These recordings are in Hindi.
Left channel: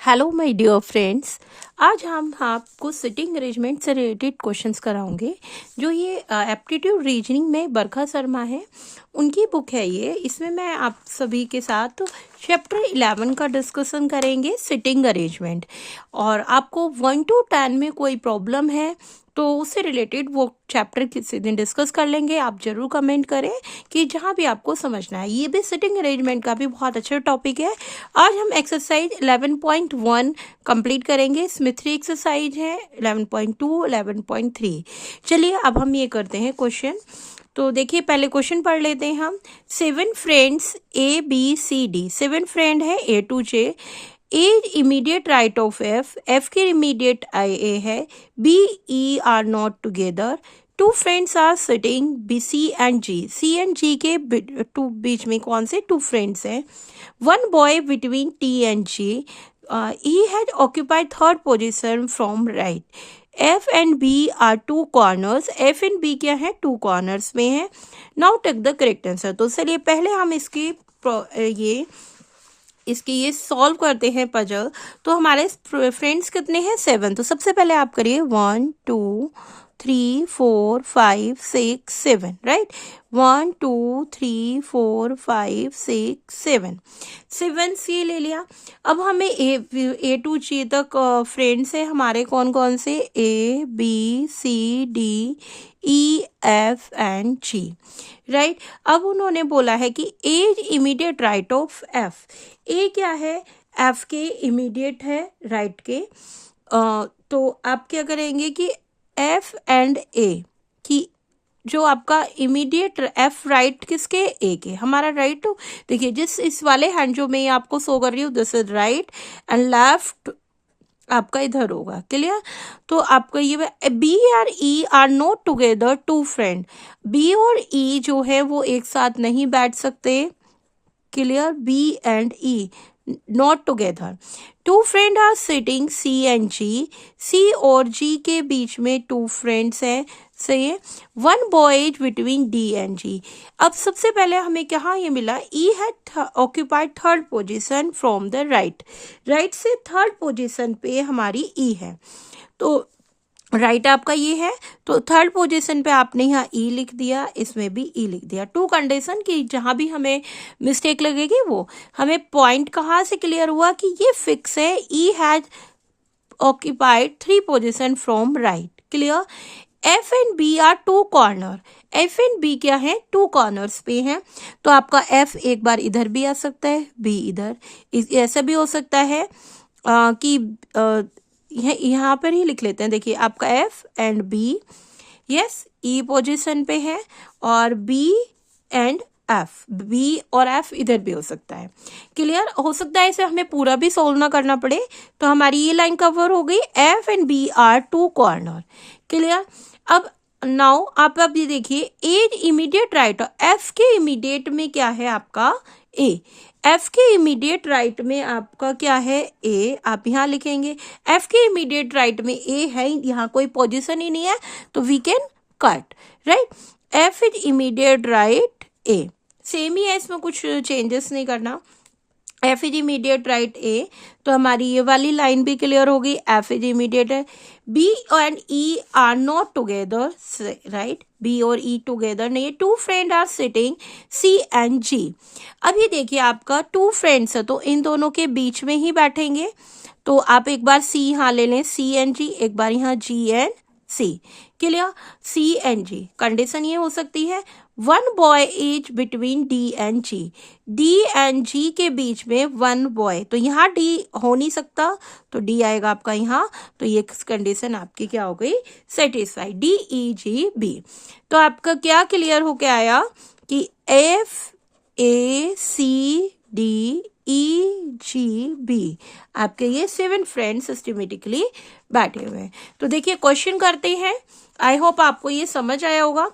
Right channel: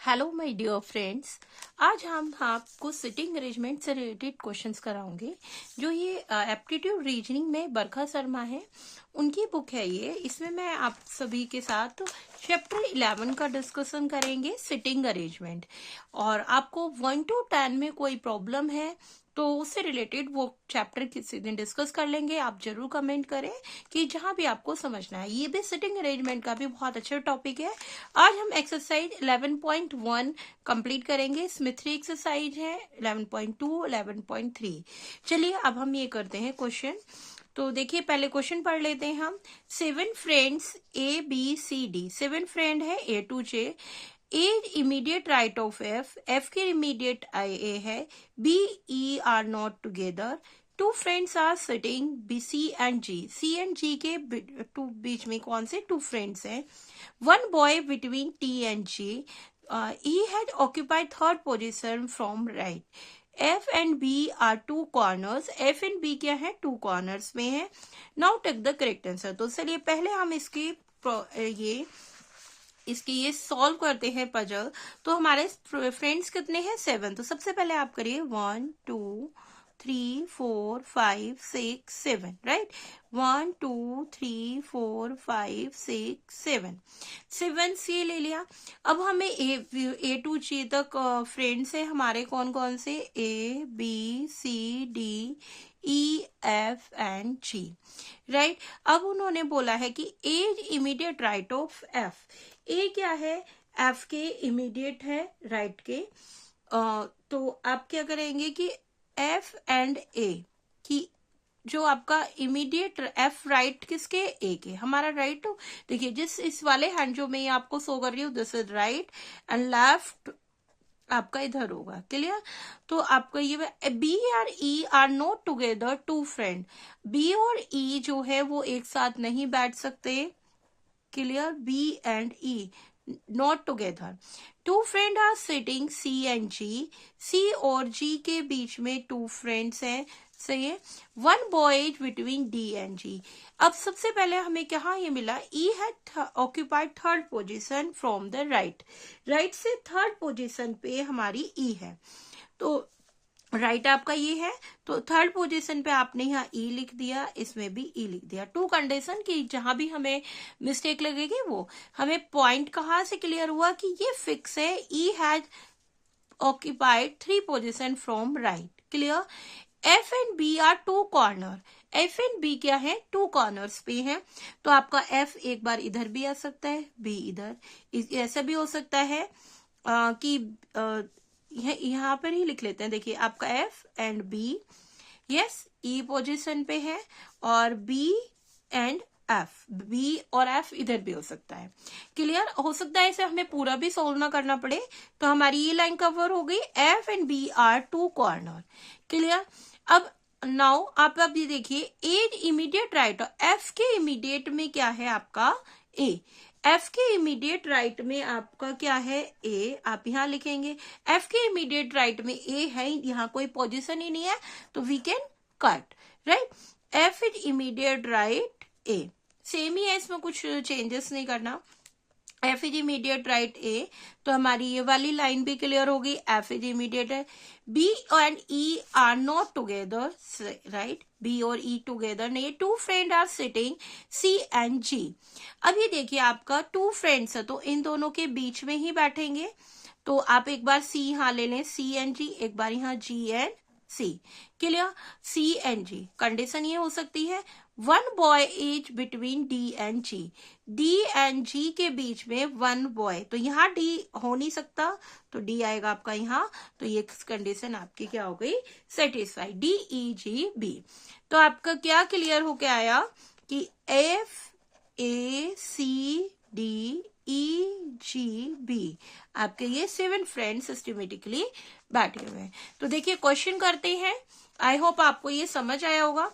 Hello my dear friends. आज हम आपको सिटिंग अरेंजमेंट से रिलेटेड क्वेश्चंस कराएंगे। जो ये एप्टीट्यूड रीजनिंग में बरखा शर्मा है, उनकी बुक है ये। इसमें मैं आप सभी के साथ चैप्टर 11 का डिस्कशन करेंगे, सिटिंग अरेंजमेंट। और आपको 1 to 10 में कोई प्रॉब्लम है तो उससे रिलेटेड वो चैप्टर किसी दिन डिस्कस कर लेंगे। आप जरूर कमेंट करें कि जहाँ भी आपको समझना है। ये भी सिटिंग अरेंजमेंट का भी बहुत अच्छा टॉपिक है। आज हम एक्सरसाइज 11.1 कंप्लीट करेंगे। इसमें 3 एक्सरसाइज है, 11.2, 11.3। चलिए अब हम ये करते हैं क्वेश्चन। तो देखिए पहले क्वेश्चन पढ़ लेते हैं हम। 7 फ्रेंड्स ABCD, 7 फ्रेंड है A to J। A immediate right of F के इमीडिएट A है, BE are not together. 2 friends are sitting C and G के बीच में कौन से 2 फ्रेंड्स हैं। 1 boy between T and G, he had occupied third position from right. F and B are 2 corners. F and B क्या है, 2 corners में है। Now take the correct answer। तो चलिए पहले हम इसकी ये सॉल्व करते हैं पजल। तो हमारे फ्रेंड्स कितने हैं, 7। तो सबसे पहले आप करिए 1 2 3 4 5 6 7, राइट। 1 2 3 4 5 6 7, 7 सी ले लिया। अब हमें ए टू जी तक फ्रेंड्स है हमारे, कौन कौन से, ABCDEF and G, राइट। अब उन्होंने बोला है कि ए इमीडिएट राइट ऑफ F। ए क्या है, F के इमीडिएट है राइट के। तो आप क्या करेंगे कि F and A की जो आपका इमीडिएट F राइट किसके, A के, हमारा राइट। देखिए जिस इस वाले हैंड जो मैं आपको शो कर रही हूँ, this is right and left आपका इधर होगा, क्लियर। तो आपका ये B और E are not together 2 friend. B और E जो है वो एक साथ नहीं बैठ सकते, clear. B and E not together. 2 friend are sitting C and G, C और G के बीच में 2 फ्रेंड्स हैं, सही है। 1 boy between D and G। अब सबसे पहले हमें क्या ये मिला, E had occupied third position from the right. Right से थर्ड पोजीशन पे हमारी E है। तो राइट आपका ये है, तो थर्ड पोजीशन पे आपने यहाँ E लिख दिया, इसमें भी E लिख दिया। 2 कंडीशन की जहां भी हमें मिस्टेक लगेगी वो हमें पॉइंट कहाँ से क्लियर हुआ कि ये फिक्स है, E has occupied 3 position from right, clear. F and B are 2 corner. F and B क्या है, 2 कॉर्नर्स पे हैं। तो आपका F एक बार इधर भी आ सकता है, B इधर, ऐसा भी हो सकता है कि यहाँ पर ही लिख लेते हैं। देखिए आपका F and B, yes, E position पे है, और B एंड F, B और F इधर भी हो सकता है, क्लियर। हो सकता है इसे हमें पूरा भी सोल्व ना करना पड़े। तो हमारी ये लाइन कवर हो गई, F and B are 2 corner, clear. अब नाउ आप अब ये देखिए, ए इमीडिएट राइट, F के इमीडिएट में क्या है आपका A। F के इमीडिएट राइट में आपका क्या है, A। आप यहाँ लिखेंगे F के इमीडिएट राइट में A है, यहाँ कोई पोजीशन ही नहीं है, तो we can cut, right. F is immediate right A, same ही है, इसमें कुछ चेंजेस नहीं करना। F is immediate right A, तो हमारी ये वाली लाइन भी क्लियर हो गई। F इज इमीडिएट है। B and E are not together, right. B और E टुगेदर नहीं है। 2 friend are sitting C and G। अब ये देखिए आपका 2 फ्रेंड्स है, तो इन दोनों के बीच में ही बैठेंगे। तो आप एक बार C यहाँ ले लें, C एंड G, एक बार यहाँ G and C, clear. C and G condition ये हो सकती है, 1 boy is between D and G। D and G के बीच में 1 बॉय, तो यहाँ D हो नहीं सकता, तो D आएगा आपका यहाँ। तो ये कंडीशन आपकी क्या हो गई, सेटिस्फाइड, DEGB। तो आपका क्या क्लियर होके आया कि FACDEGB आपके ये 7 फ्रेंड्स सिस्टमेटिकली बैठे हुए हैं। तो देखिए क्वेश्चन करते हैं, आई होप आपको ये समझ आया होगा।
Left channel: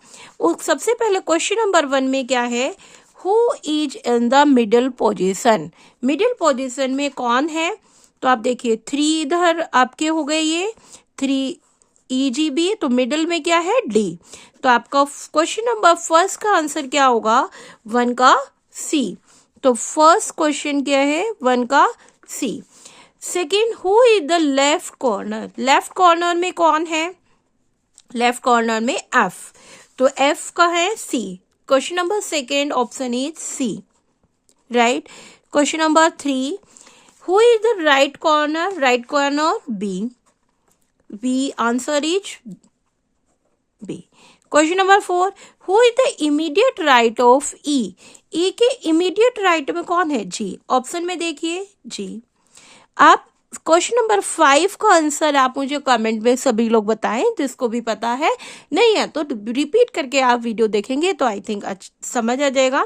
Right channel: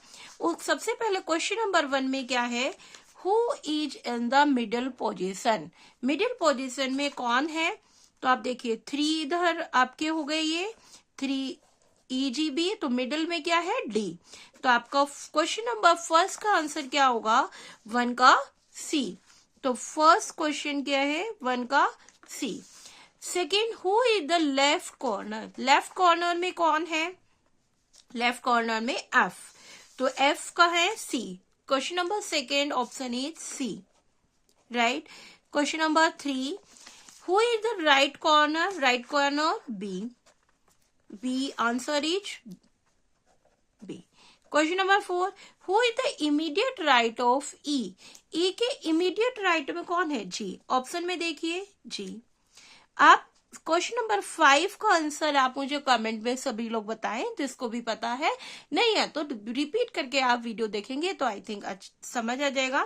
सबसे पहले क्वेश्चन नंबर 1 में क्या है, who is in the middle position. Middle position में कौन है, तो आप देखिए 3 इधर आपके हो गए, ये 3 EGB, तो मिडिल में क्या है, D। तो आपका क्वेश्चन नंबर फर्स्ट का आंसर क्या होगा, 1 का C। तो फर्स्ट क्वेश्चन क्या है, 1 का C। Second, who is the left corner? Left corner में कौन है? लेफ्ट कॉर्नर में एफ, तो एफ का है C. Question number second option is C, right. Question number 3, who is the right corner? Right corner B, B answer is B. Question number 4, who is the immediate right of E? E के इमीडिएट राइट में कौन है? जी। ऑप्शन में देखिए जी। आप क्वेश्चन नंबर 5 का आंसर आप मुझे कमेंट में सभी लोग बताएं, जिसको भी पता है, नहीं है तो रिपीट करके आप वीडियो देखेंगे तो आई थिंक समझ आ जाएगा।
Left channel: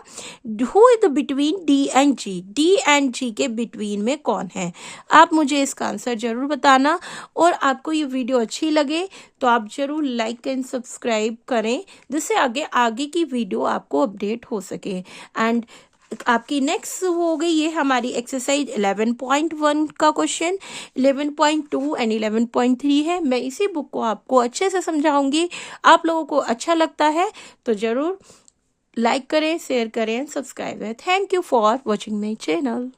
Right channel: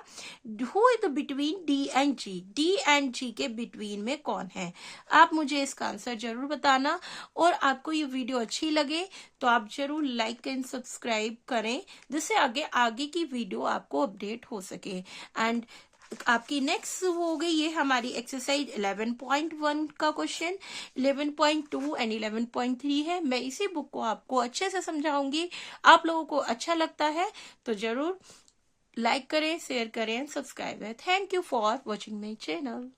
Who is the between D and G? D and G के बिटवीन में कौन है? आप मुझे इसका आंसर जरूर बताना, और आपको ये वीडियो अच्छी लगे तो आप जरूर लाइक एंड सब्सक्राइब करें, जिससे आगे आगे की वीडियो आपको अपडेट हो सके। एंड आपकी नेक्स्ट हो गई ये हमारी एक्सरसाइज 11.1 का क्वेश्चन, 11.2 एंड 11.3 है। मैं इसी बुक को आपको अच्छे से समझाऊंगी। आप लोगों को अच्छा लगता है तो जरूर लाइक करें, शेयर करें, सब्सक्राइब करें। Thank you for watching my channel.